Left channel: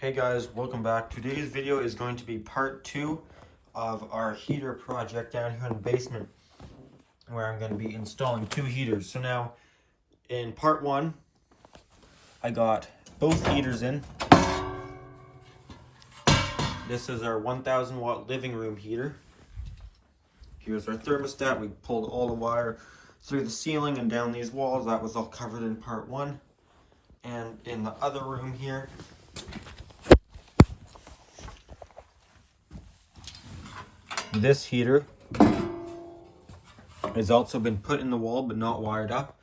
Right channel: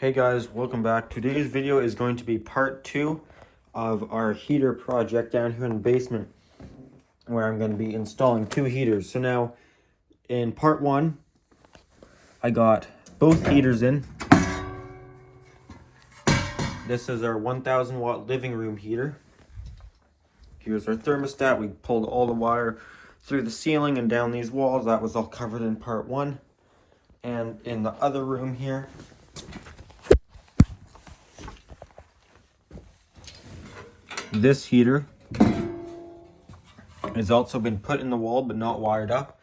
Hey guys, welcome back. Today's video is going to be part 2 of our heater project down here in the basement, where I'm going to be installing 2 heaters. So now, in part 1, I got both heaters in. This is our 1000 watt living room heater. Here's our thermostat. We pulled all the wire through the ceiling and down these walls. That was all covered in part 1. And in the other room here, this heater has also been put in the wall but not wired up.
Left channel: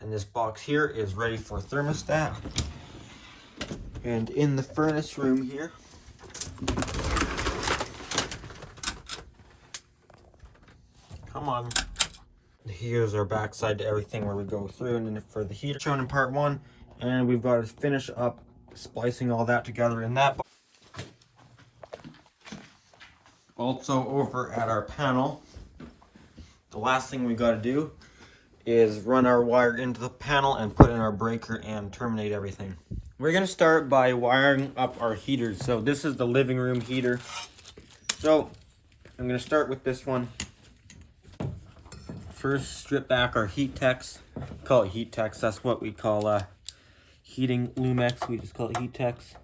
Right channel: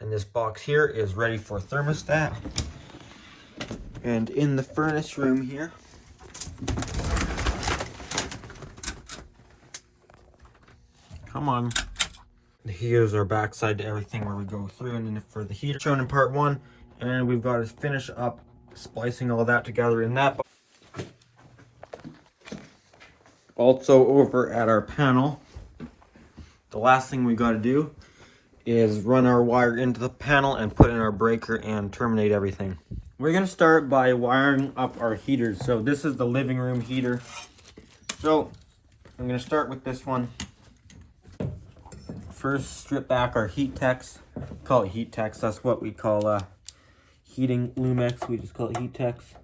And this box here is ready for thermostat. And in the furnace room here, come on, here's our backside to everything where we go through. And then for the heater shown in part 1, and we've got to finish up splicing all that together in that box. Also over at our panel, the last thing we got to do is run our wire into the panel and put in our breaker and terminate everything. We're going to start by wiring up our heaters. So this is the living room heater. So I'm going to start with this one. First, strip back our heat techs. Call it heat techs. That's what we call heating Lumex. We just call it heat techs.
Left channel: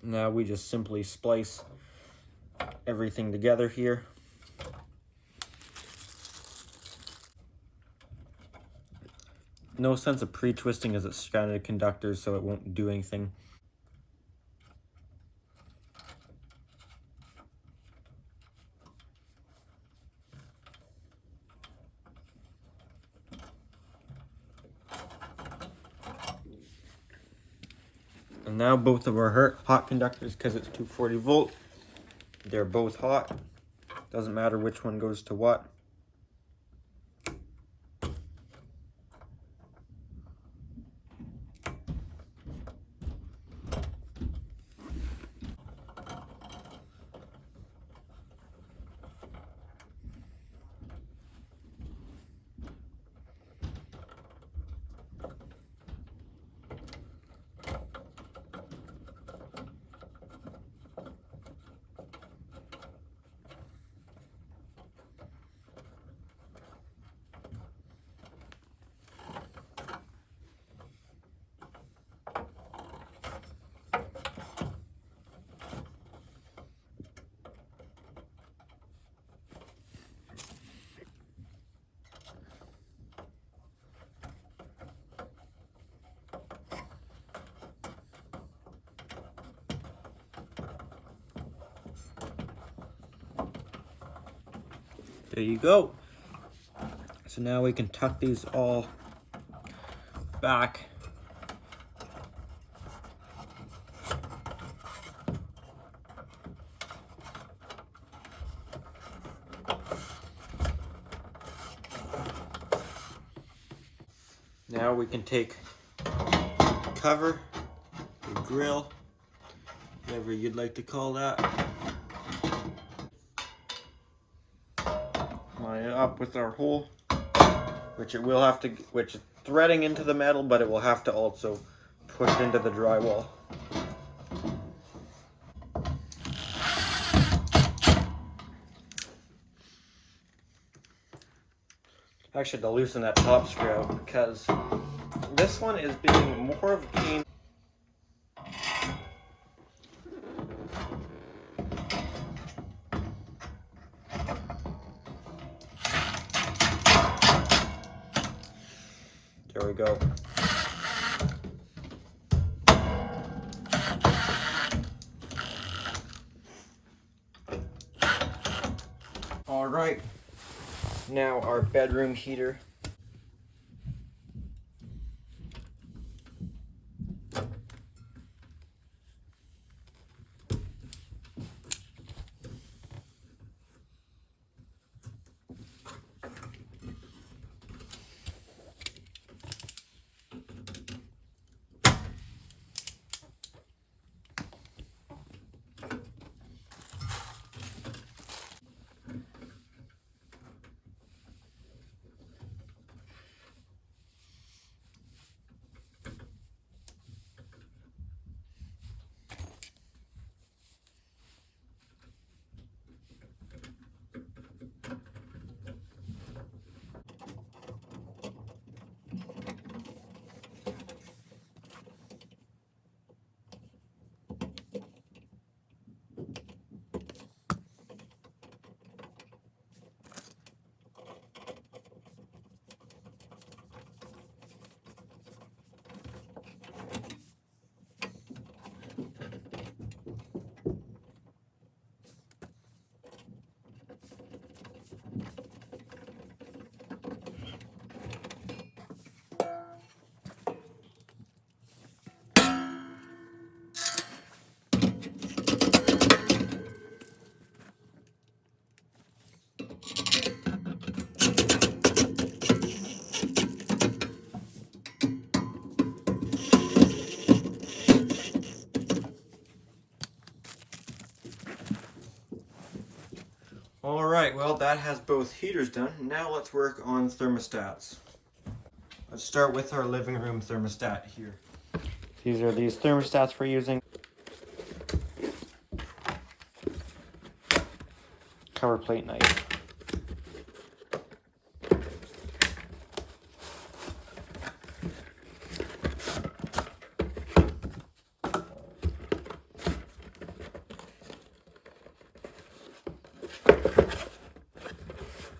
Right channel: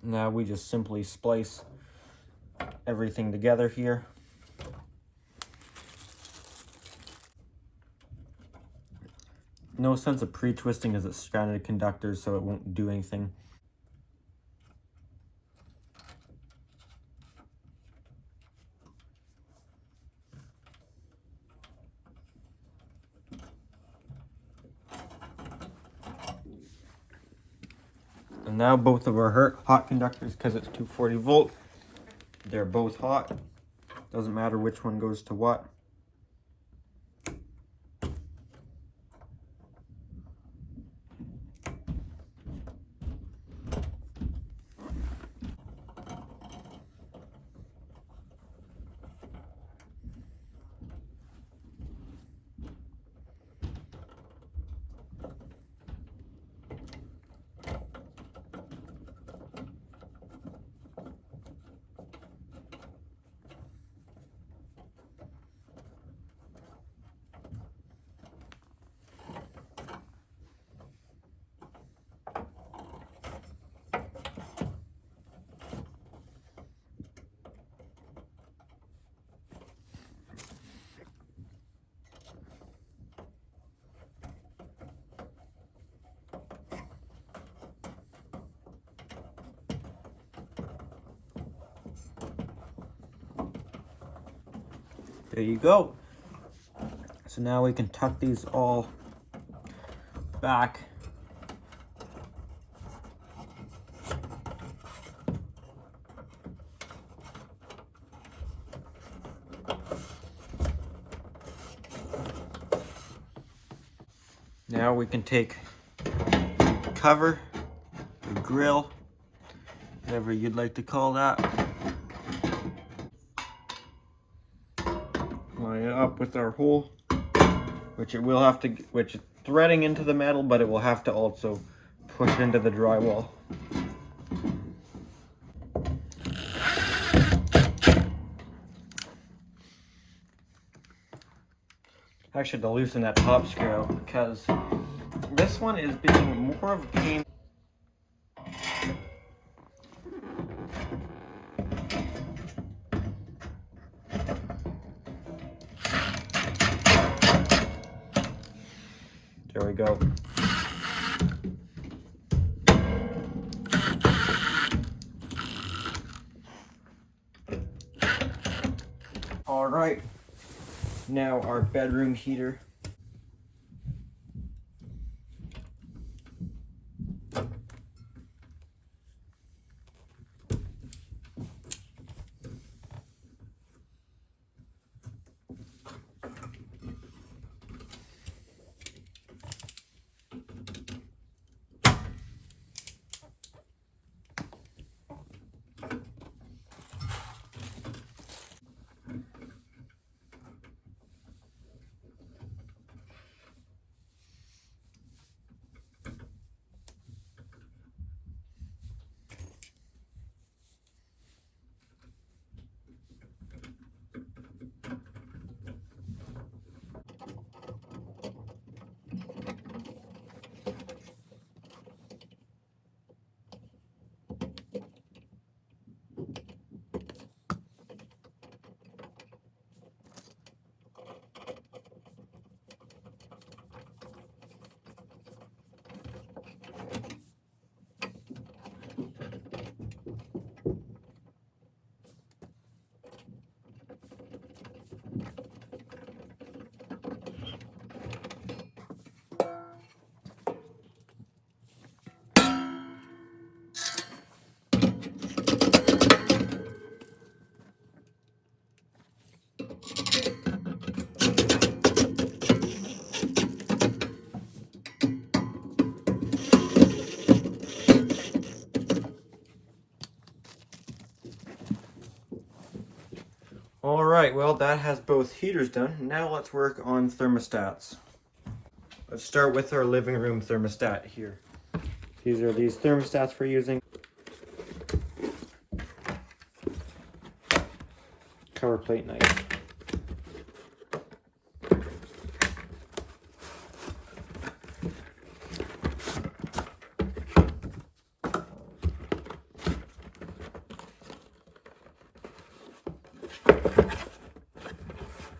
Now we just simply splice everything together here. No sense of pre-twisting as it's stranded conductors, so it won't do anything. And now both of our hot conductors, because it's 240 volt, they're both hot. Doesn't matter which one goes to what. There you go. So now we can tuck these all back. Now we can take the cover, the grill, whatever you'd like to call that. Line it up with our hole, which is threading into the metal, but it will have to also push into the drywall. Actually, to loosen that top screw, because this one is being more of a There we go. All right, now our bedroom heater. All right, well, that has both heaters done. Now let's work on thermostats. Let's start with our living room thermostat here. These are these thermostats we're using. Cover plate knife.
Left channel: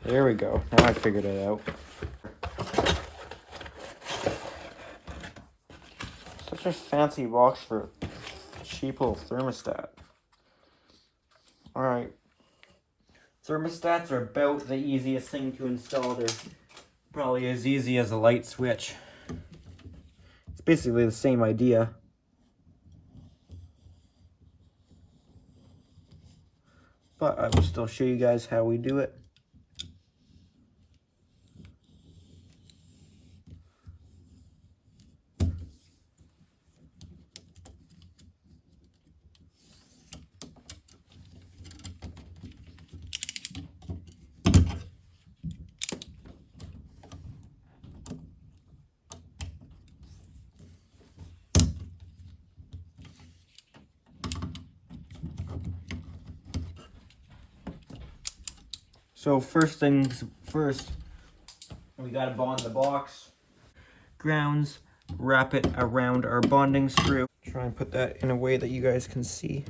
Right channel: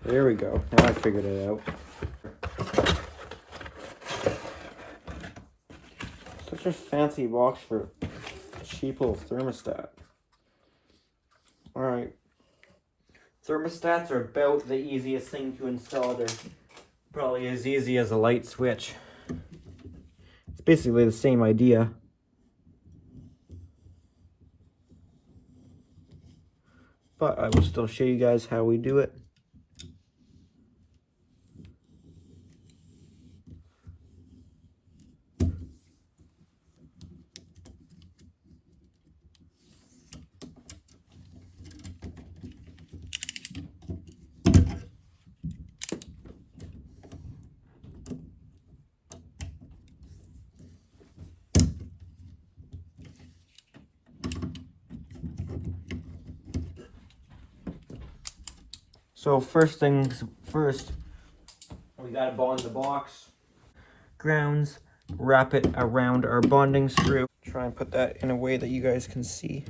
There we go. Now I figured it out. Such a fancy box for a cheap little thermostat. Alright. Thermostats are about the easiest thing to install. They're probably as easy as a light switch. It's basically the same idea. But I will still show you guys how we do it. So first things first, we gotta bond the box. Grounds, wrap it around our bonding screw. Try and put that in a way that you guys can see.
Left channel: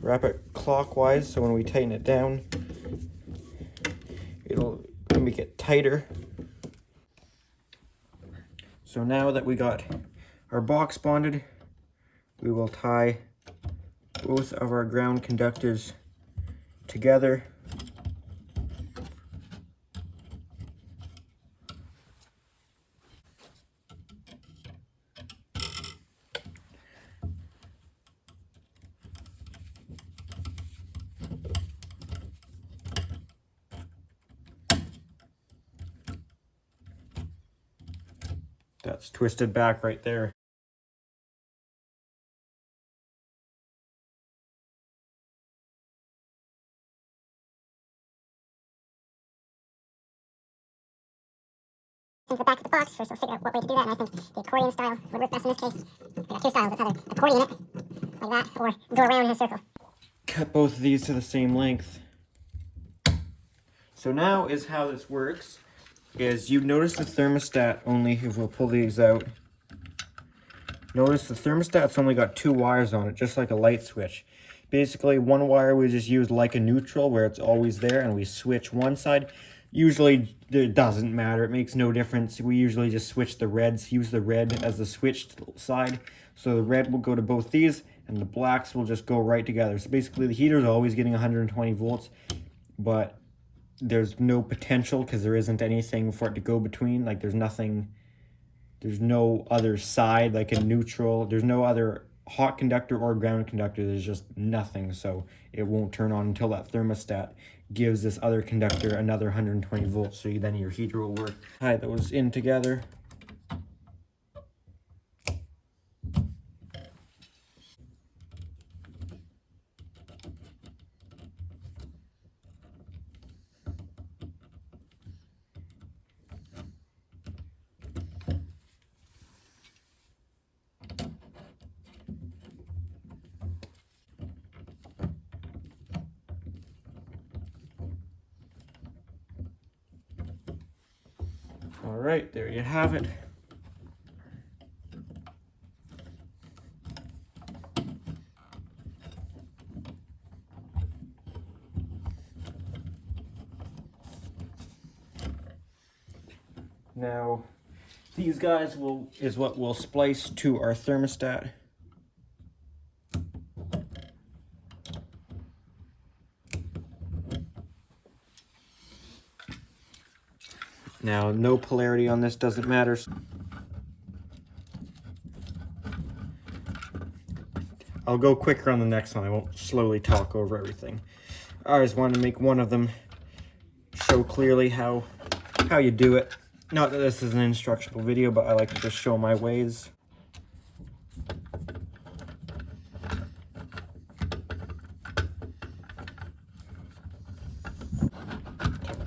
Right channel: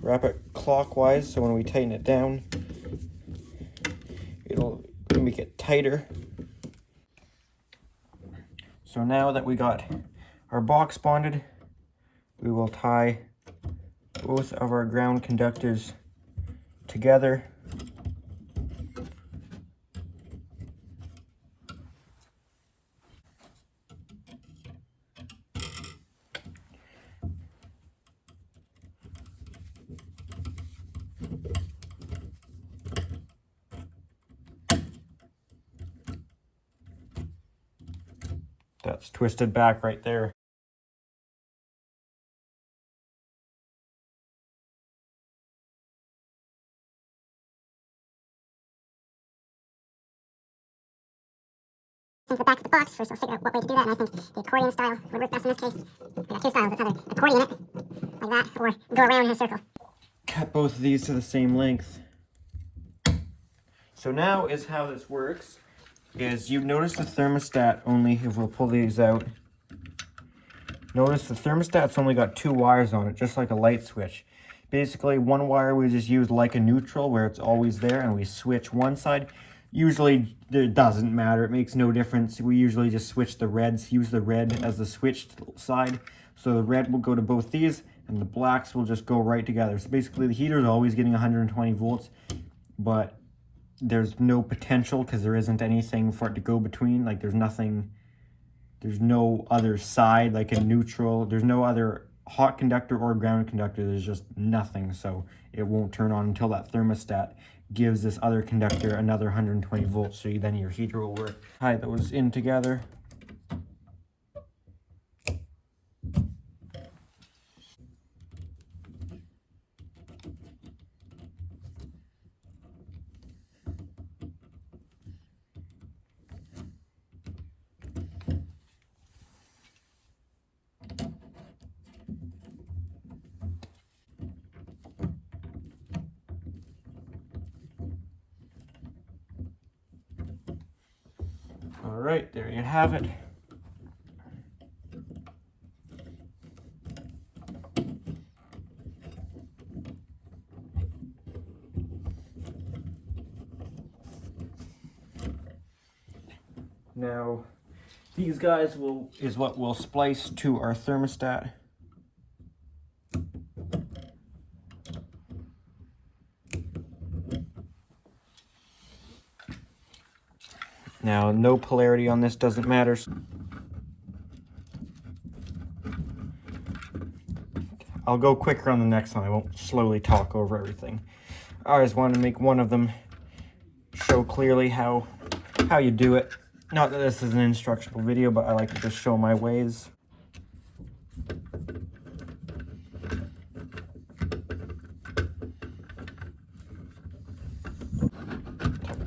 Wrap it clockwise so when we tighten it down, it'll make it tighter. So now that we got our box bonded, we will tie both of our ground conductors together. That's twisted back right there. Into the back of the box, first we'll figure out what way to do that, and I think the accordion style would work best in this case. We got two styles, it's either accordion it, like that, or go around in a circle. Cut both of these to the same length. So now is how this works, is you notice the thermostat only, if we'll pull these out, notice the thermostat's only got two wires on it, just like a light switch. Basically, one wire we just use like a neutral, where it's always there, and we switch one side. Usually, it doesn't matter. It makes no difference. We usually just switch the reds, use the red as the switched side. So the red will go to both these, and the blacks will just go right together. So basically, the heater is always getting 120 volts, but there's no potential because there isn't anything for it to go between. Like, there's nothing, there's no other side, like a neutral. There's no other hot conductor or ground conductor. There's just nothing. So it won't turn on until that thermostat gives this other conductor another 120 volts, so then your heater will work. Tie those in together. All right, there you have it. Now, these guys is what we'll splice to our thermostat. Now, no polarity on this, doesn't matter. I'll go quicker on the next one. I won't slowly talk over everything. I just wanted to make one of them show clearly how you do it. Not that this is an instructional video, but I like to just show my ways.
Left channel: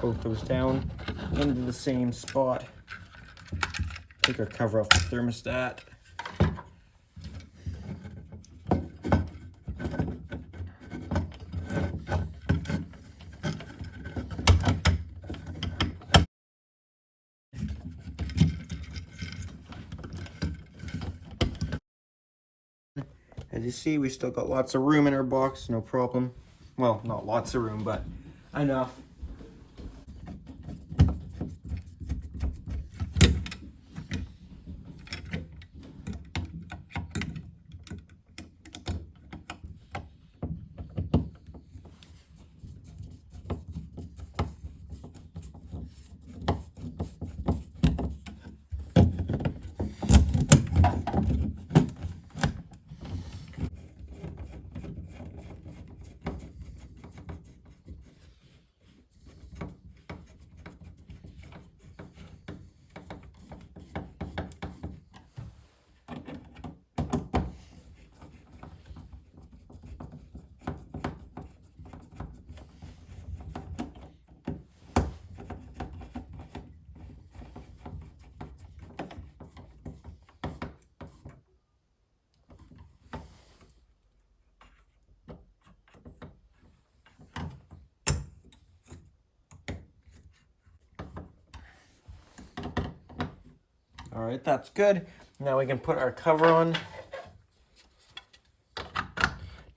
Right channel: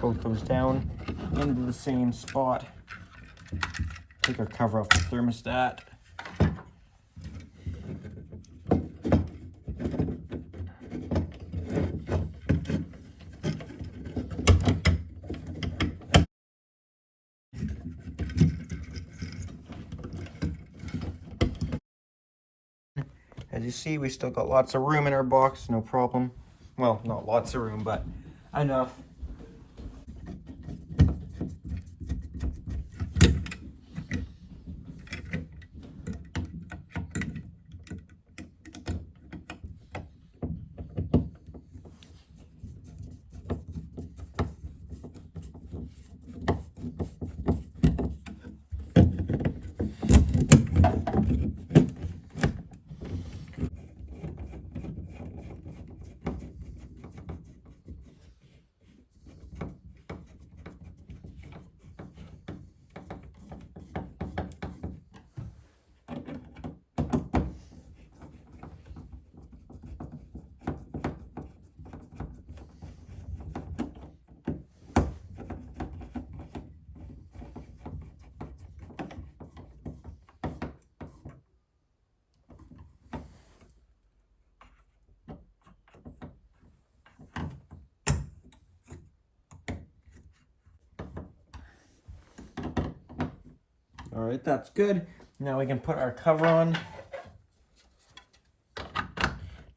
Both those down into the same spot. Take our cover off the thermostat. As you see, we still got lots of room in our box, no problem. Well, not lots of room, but enough. All right, that's good. Now we can put our cover on.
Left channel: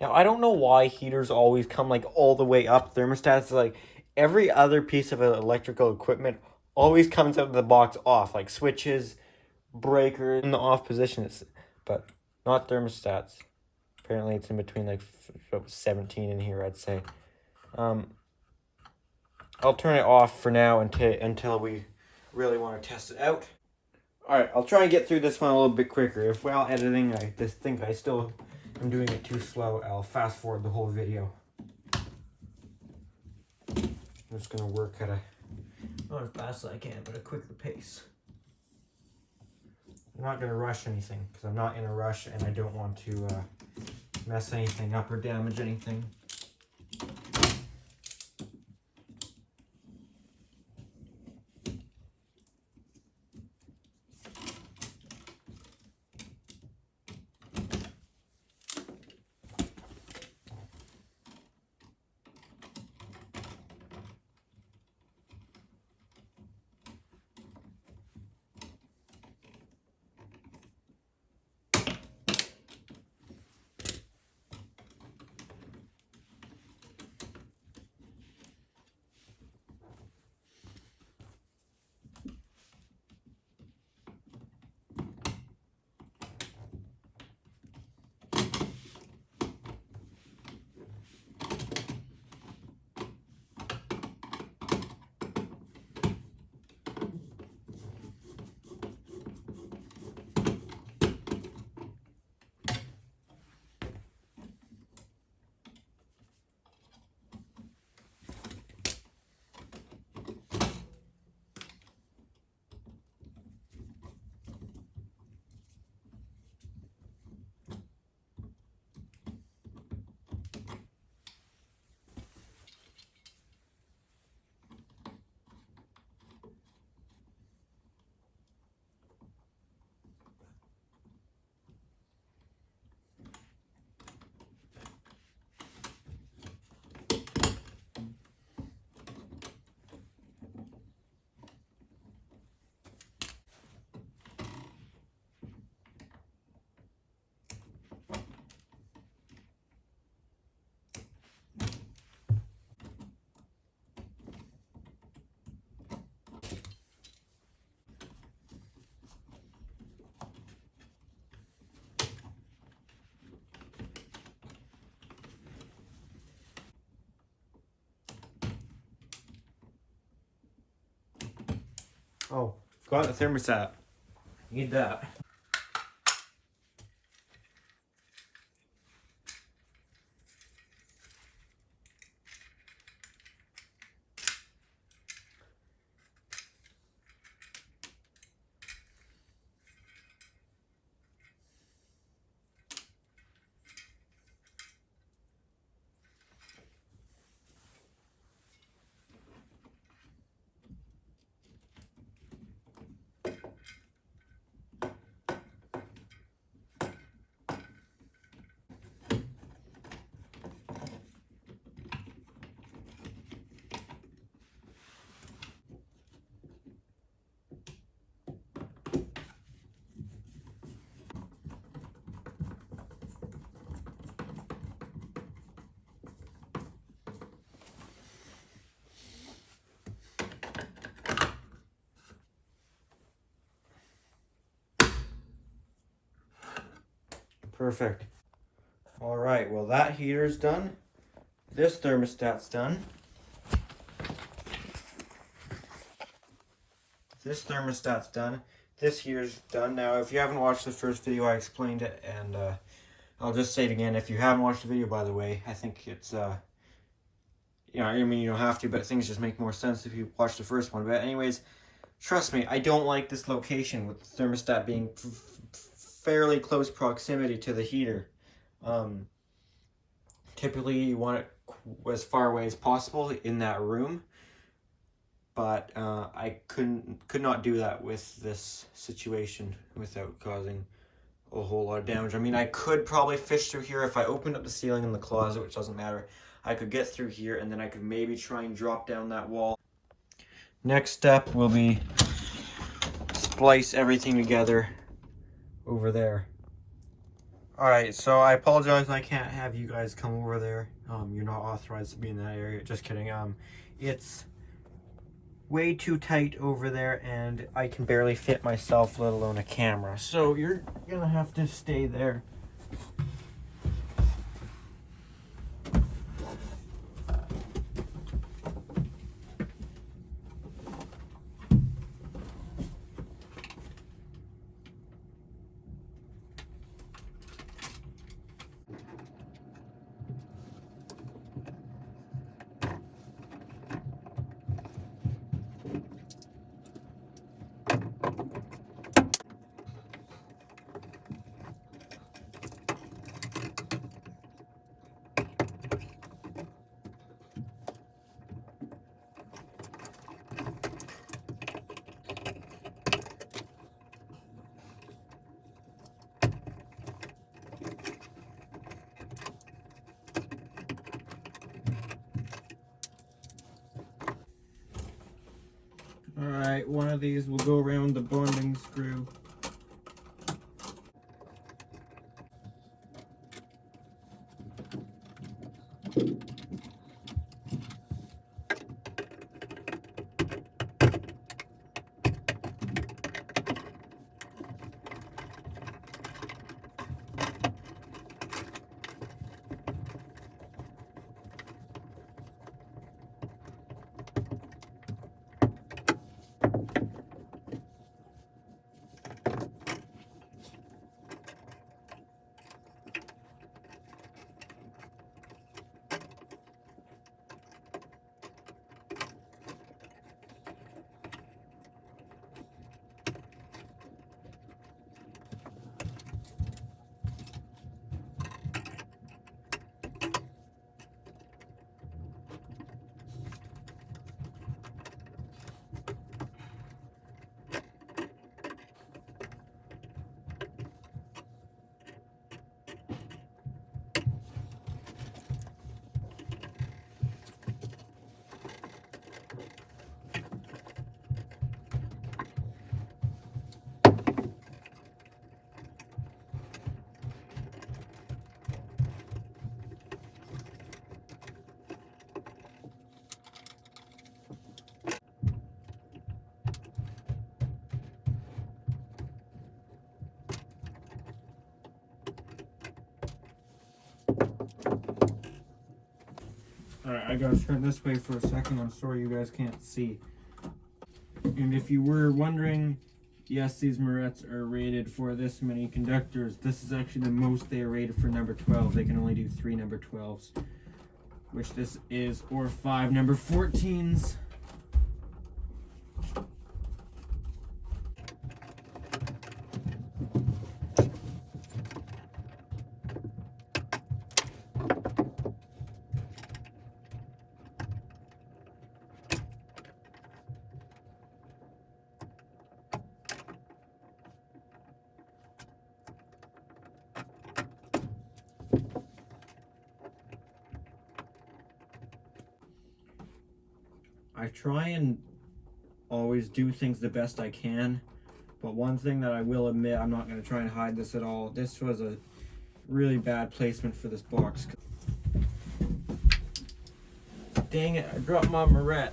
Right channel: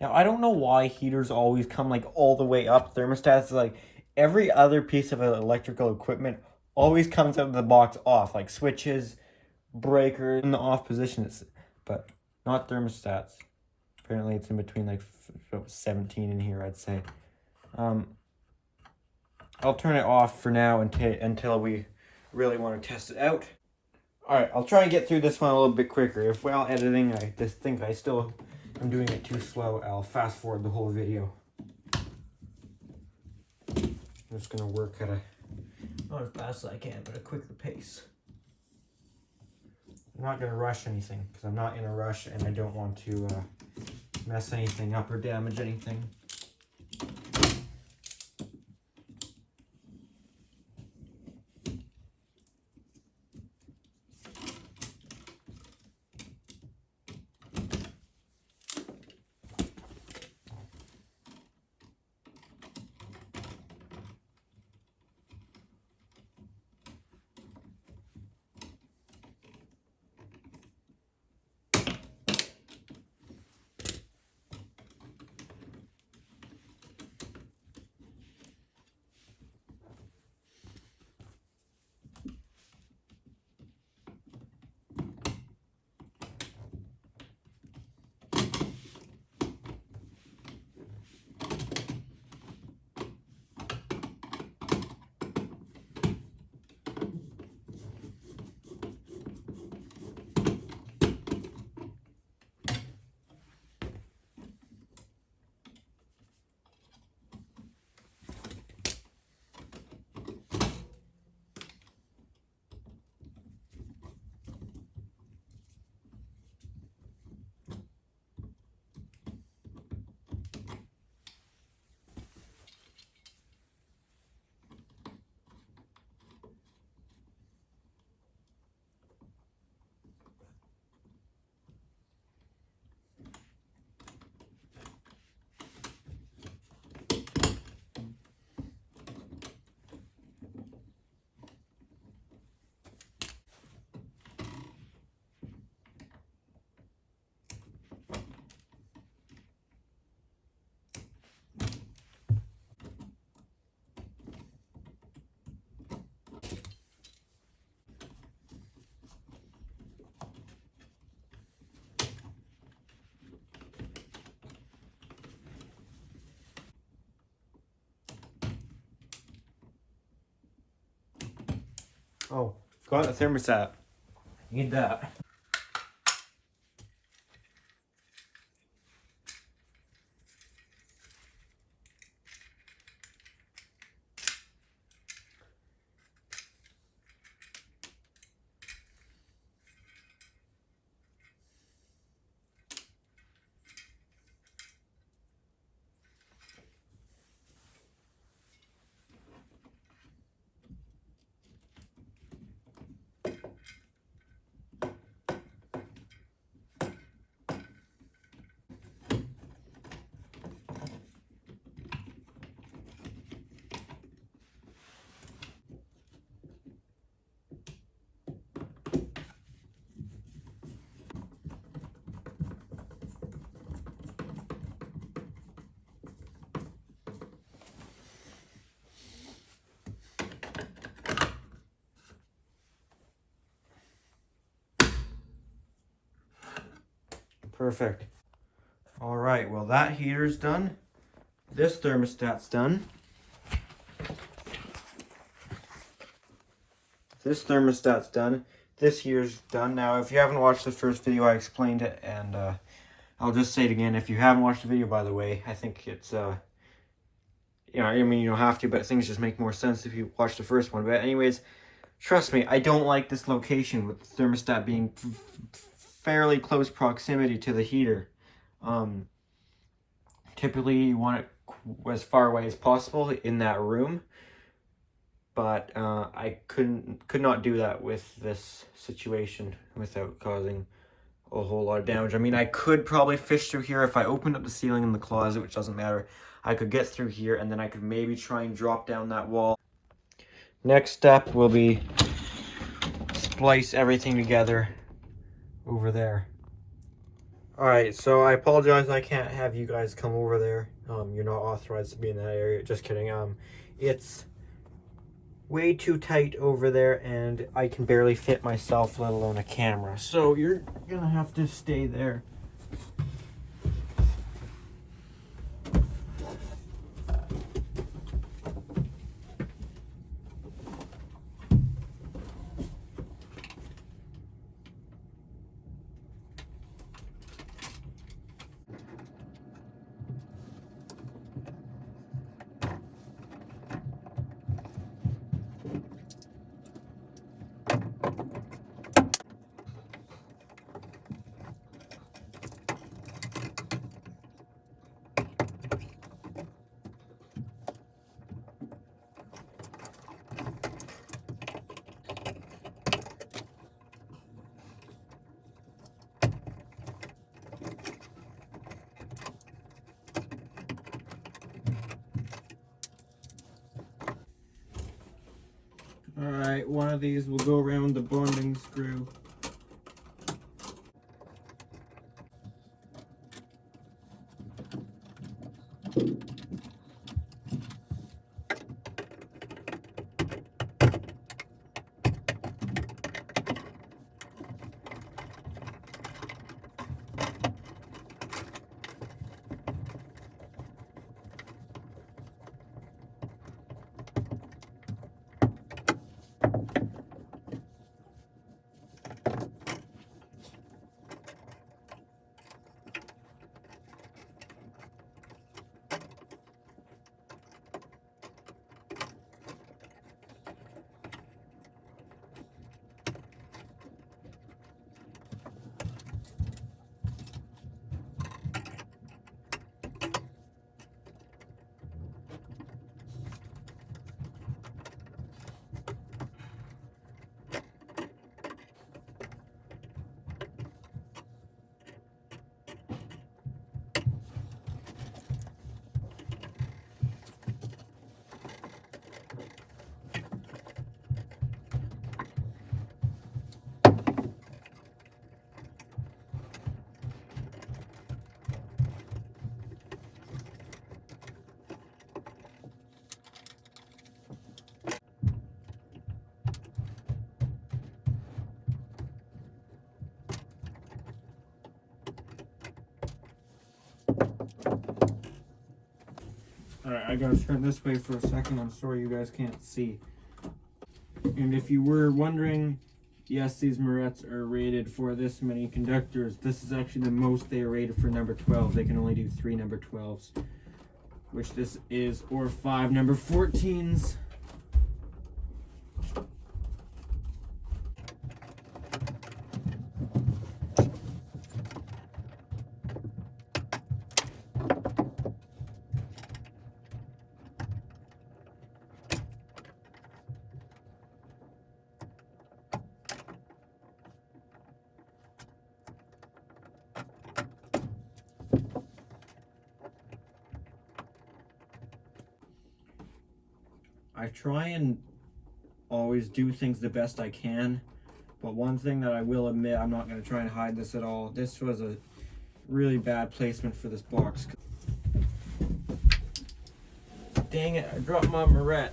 Now, I don't know why heaters always come like all the way up. Thermostats, like every other piece of electrical equipment always comes out of the box off, like switches, breakers in the off position, but not thermostats. Apparently it's in between like 17 in here, I'd say. I'll turn it off for now until we really want to test it out. Alright, I'll try and get through this one a little bit quicker. If while editing I just think I still am doing it too slow, I'll fast forward the whole video. I'm just going to work at not as fast as I can, but a quicker pace. I'm not going to rush anything, because I'm not in a rush and I don't want to mess anything up or damage anything. Oh, got the thermostat. Need that. Perfect. All right, well that heater's done. This thermostat's done. This thermostat's done. This here's done. Now, if you haven't watched the first video, I explained it, and I'll just say it again. If you haven't watched the video, by the way, I think it's, you know, I mean, you don't have to, but things just make more sense if you watch the first one. But anyways, trust me, I don't like this location with the thermostat being fairly close proximity to the heater. Typically, you want it as far away as possible in that room. But I could not do that with this situation without causing a whole lot of damage. I mean, I could probably fish through here if I opened up the ceiling in the closet, which doesn't matter. I could get through here, and then I could maybe try and drop down that wall. Next step will be splice everything together over there. Alright, so I apologize I can't have you guys come over there. You're not authorized to be in that area. Just kidding. It's way too tight over there, and I can barely fit myself, let alone a camera. So you're gonna have to stay there. Alright, one of these will go around the bonding screw. Alright, I gotta turn this way for a second. I'm sorry you guys can't see. And if you were wondering, yes, these Morettes are rated for this many conductors. This is actually the most they are rated for number 12. They can only do 3 number 12s, which this is, or 5 number 14s. I try and always do things the best I can, but one thing that I will admit, I'm not going to try and hide this at all. This was a really bad placement for this box. Dang it, I dropped my Morette.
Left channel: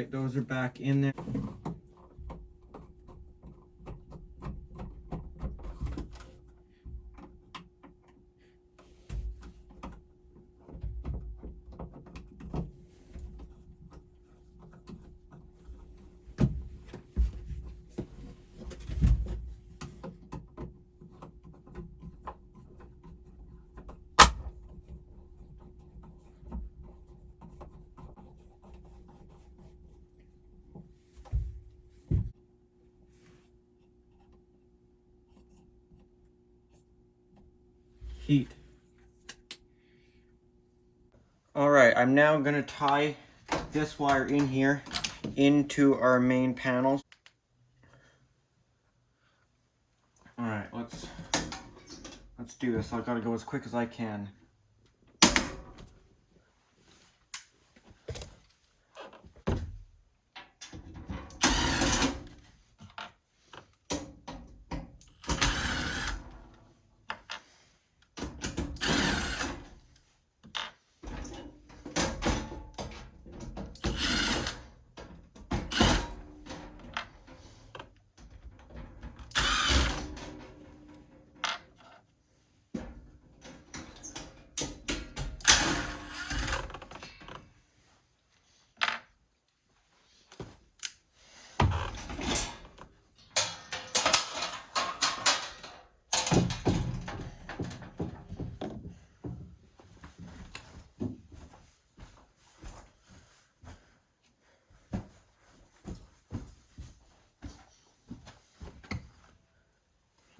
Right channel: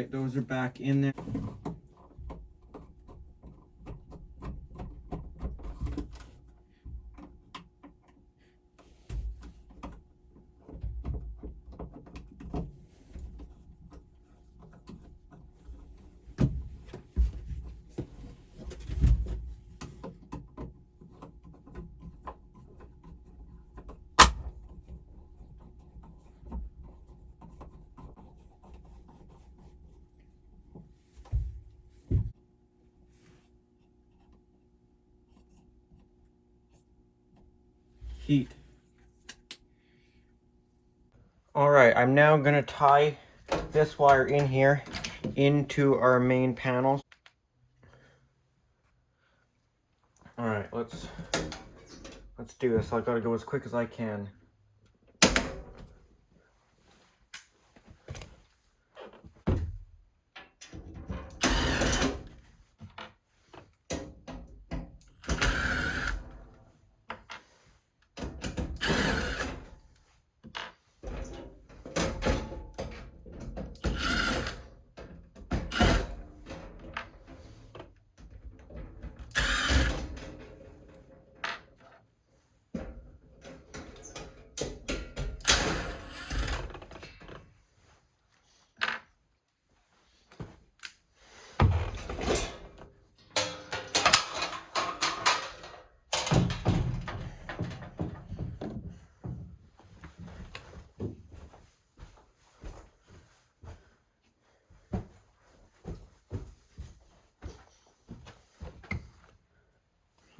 right, those are back in there. Heat. All right, I'm now gonna tie this wire in here into our main panels. All right, let's do this. I gotta go as quick as I can.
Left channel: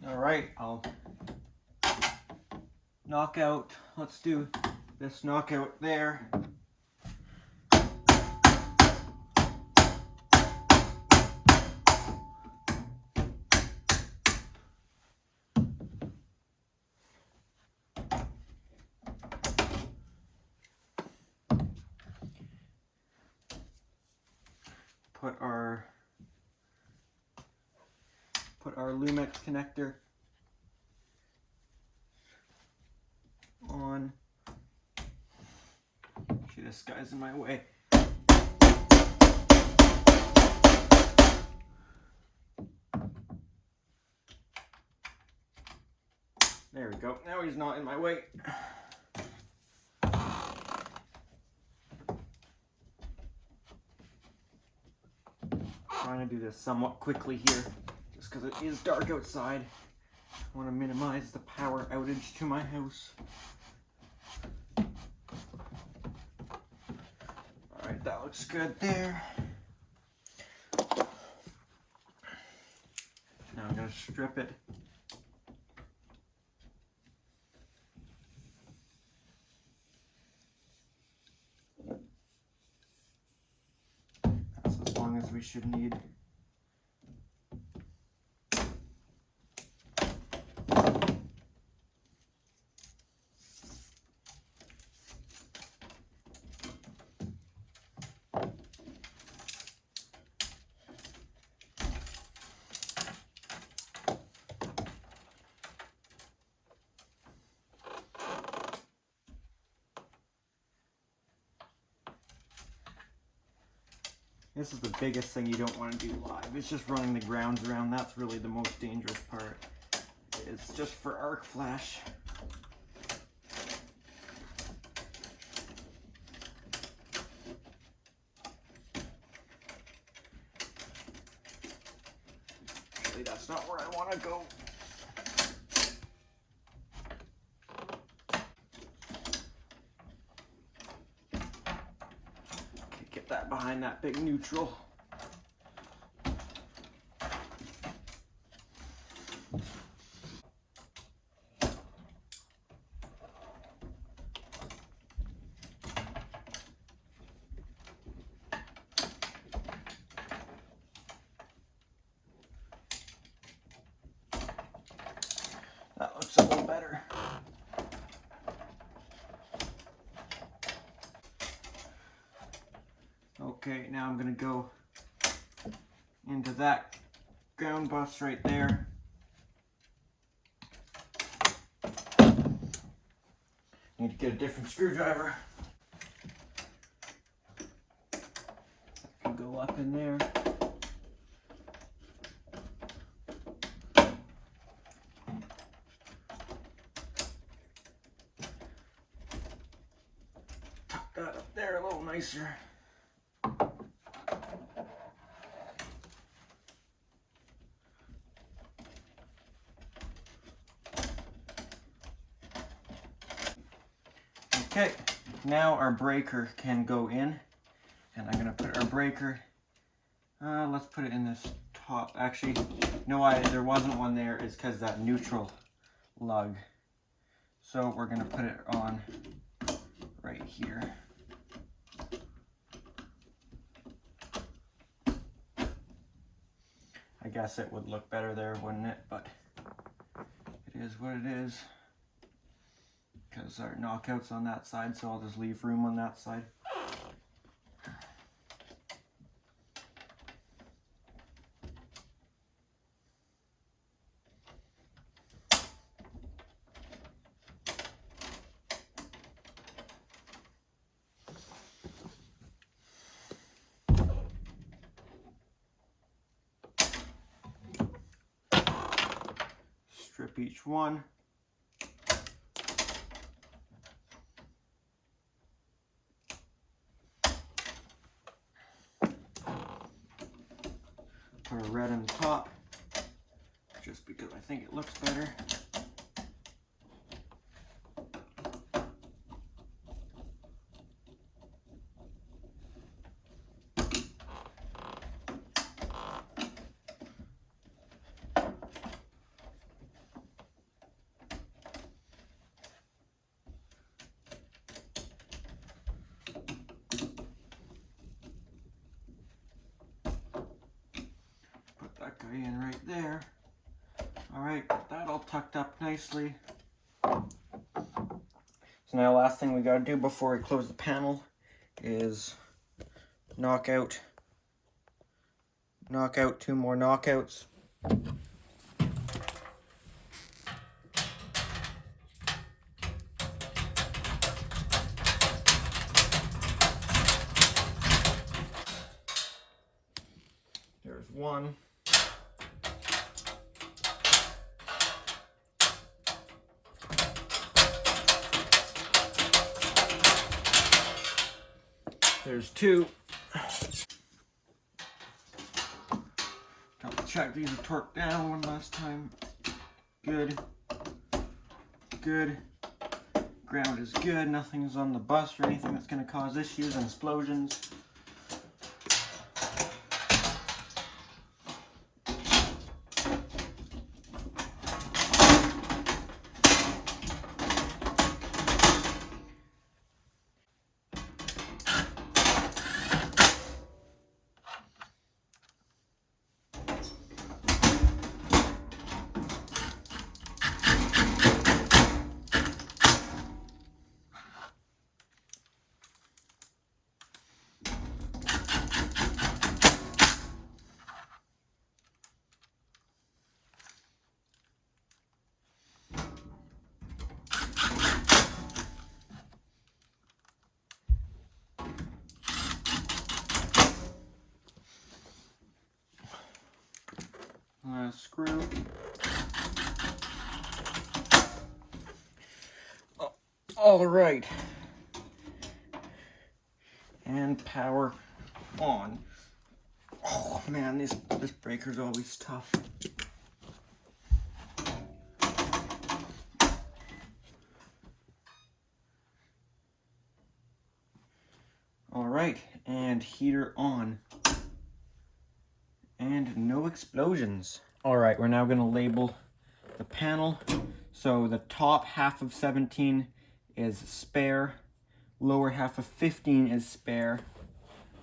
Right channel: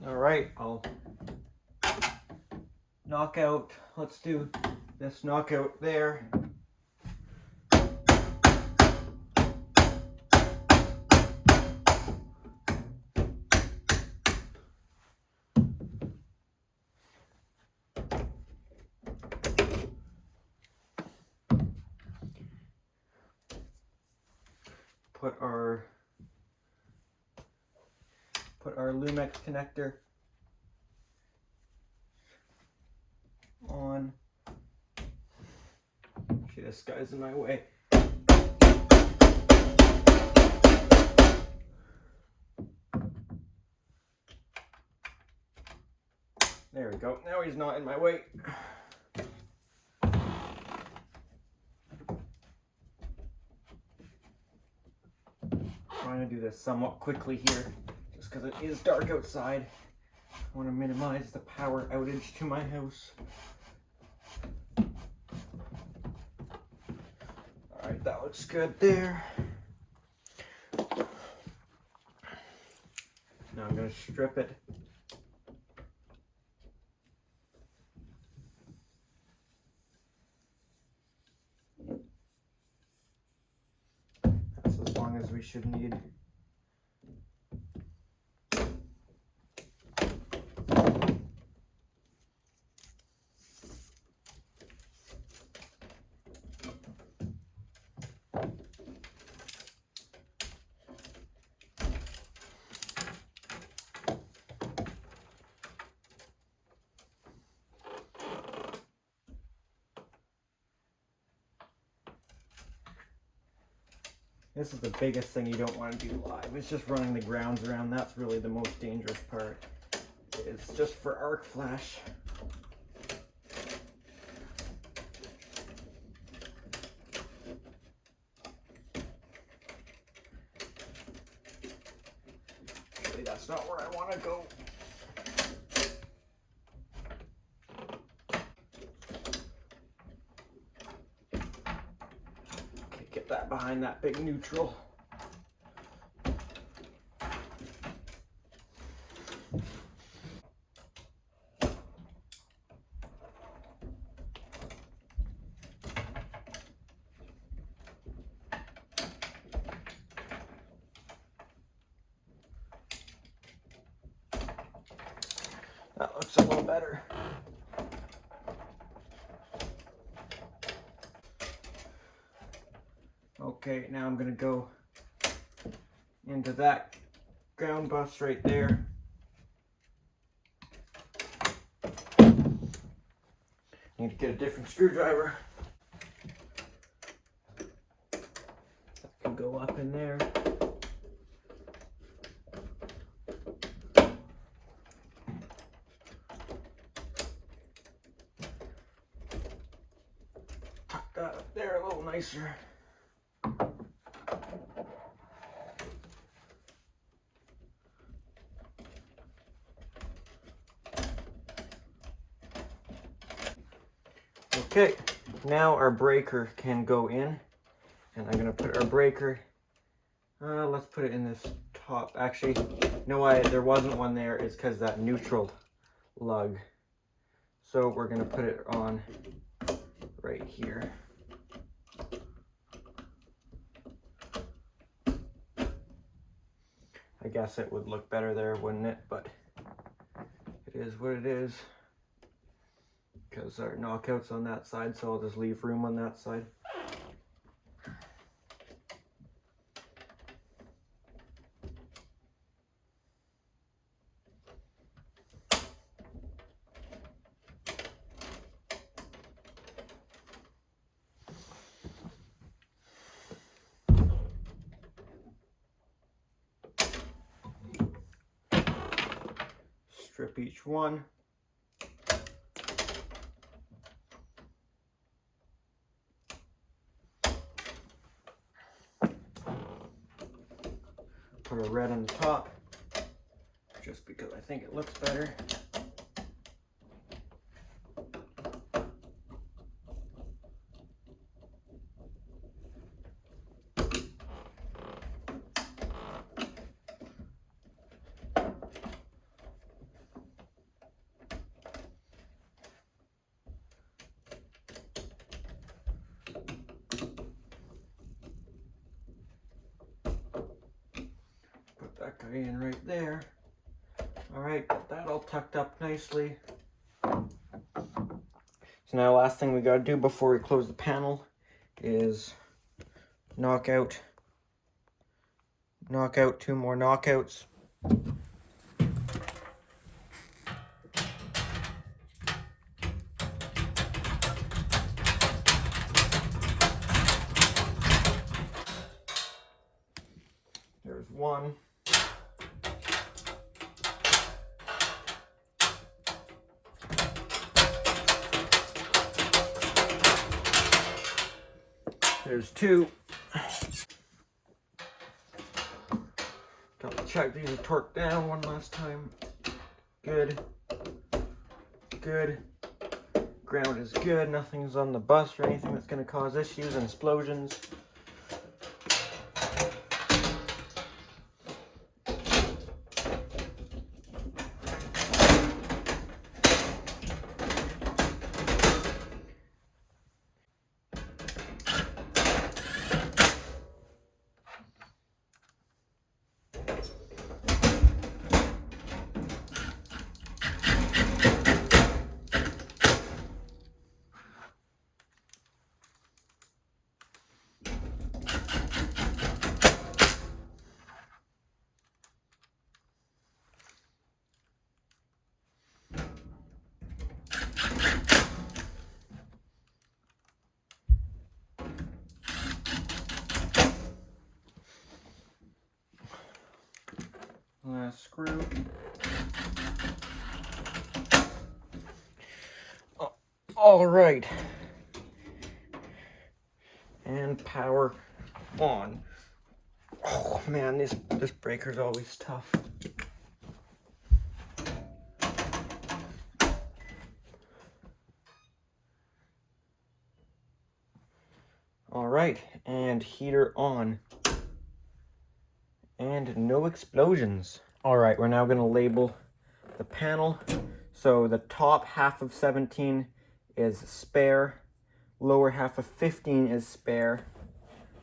All right, I'll knock out, let's do this knockout there. Put our Lumex connector on. See, this guy's in my way. There we go. Now he's not in my way. Trying to do this somewhat quickly here, just because it is dark outside. I want to minimize the power outage to my house. Alright, that looks good there. Now I'm going to strip it. That's as long as we should need. This is the biggest thing you don't want to do live. It's just running the grounds around. That's really the most dangerous part. It's just for arc flash. Actually, that's not where I want to go. Get that behind that big neutral. That looks a little better. Okay, now I'm gonna go into that ground bus right there. Need to get a different screwdriver. can go up in there. Tuck that up there a little nicer. Okay, now our breaker can go in, and I'm gonna put our breaker, let's put it in this top. Actually, you know why there wasn't one there is because that neutral lug. So we're gonna put it on right here. I guess it would look better there, wouldn't it? But it is what it is. Because our knockout's on that side, so I'll just leave room on that side. Strip each one. Put a red on the top, just because I think it looks better. That guy in right there. All right, got that all tucked up nicely. So now last thing we gotta do before we close the panel is knock out 2 more knockouts. There's one. There's 2. Double check these are torqued down one last time. Good. Good. Ground is good. Nothing's on the bus or anything that's going to cause issues and explosions. Last screw. All right. And power on. Oh man, this breaker's always tough. All right, and heater on. And no explosions. All right, we're now gonna label the panel. So the top half of 17 is spare, lower half of 15 is spare,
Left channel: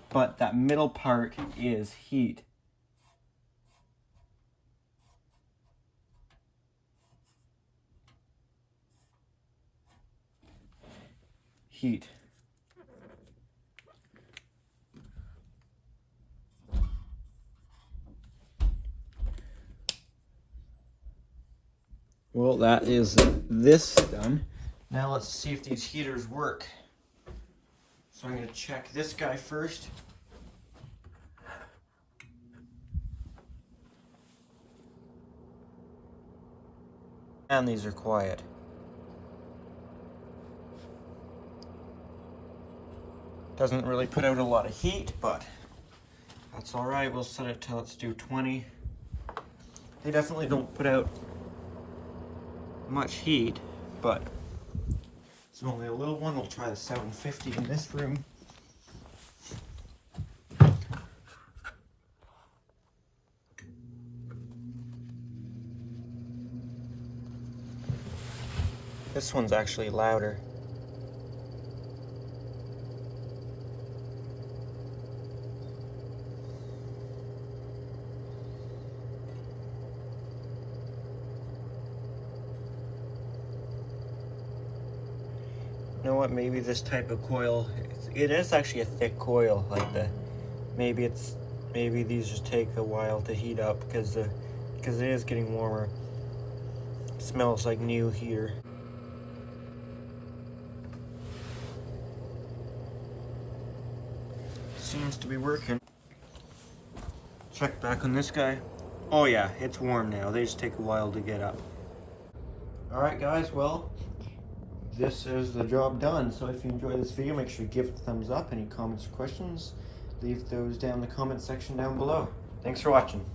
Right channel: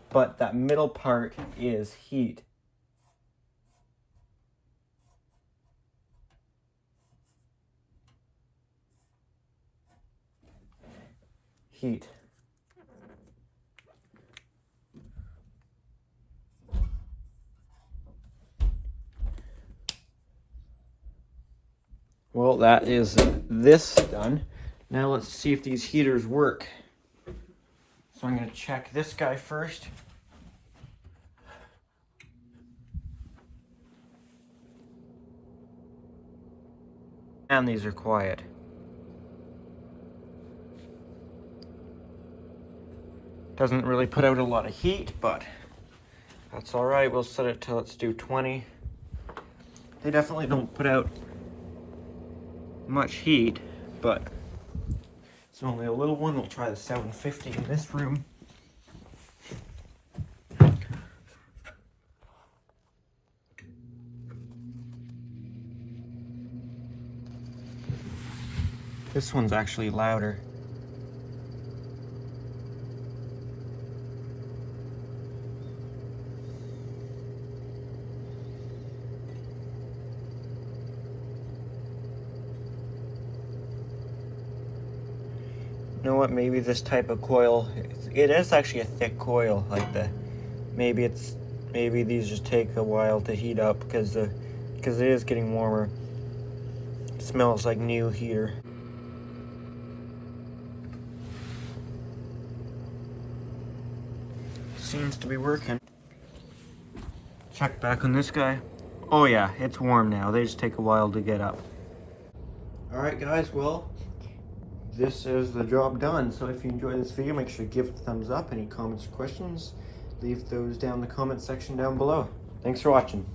but that middle part is heat. Heat. Well, that is this done. Now let's see if these heaters work. So I'm going to check this guy first. And these are quiet. Doesn't really put out a lot of heat, but that's all right. We'll set it to, let's do 20. They definitely don't put out much heat, but it's only a little one. We'll try the 750 in this room. This one's actually louder. You know what, maybe this type of coil, it is actually a thick coil like that. Maybe these just take a while to heat up because it is getting warmer. It smells like new heater. Seems to be working. Check back on this guy. Oh yeah, it's warm now. They just take a while to get up. Alright guys, well, this is the job done. So if you enjoyed this video, make sure to give it a thumbs up. Any comments or questions, leave those down in the comment section down below. Thanks for watching.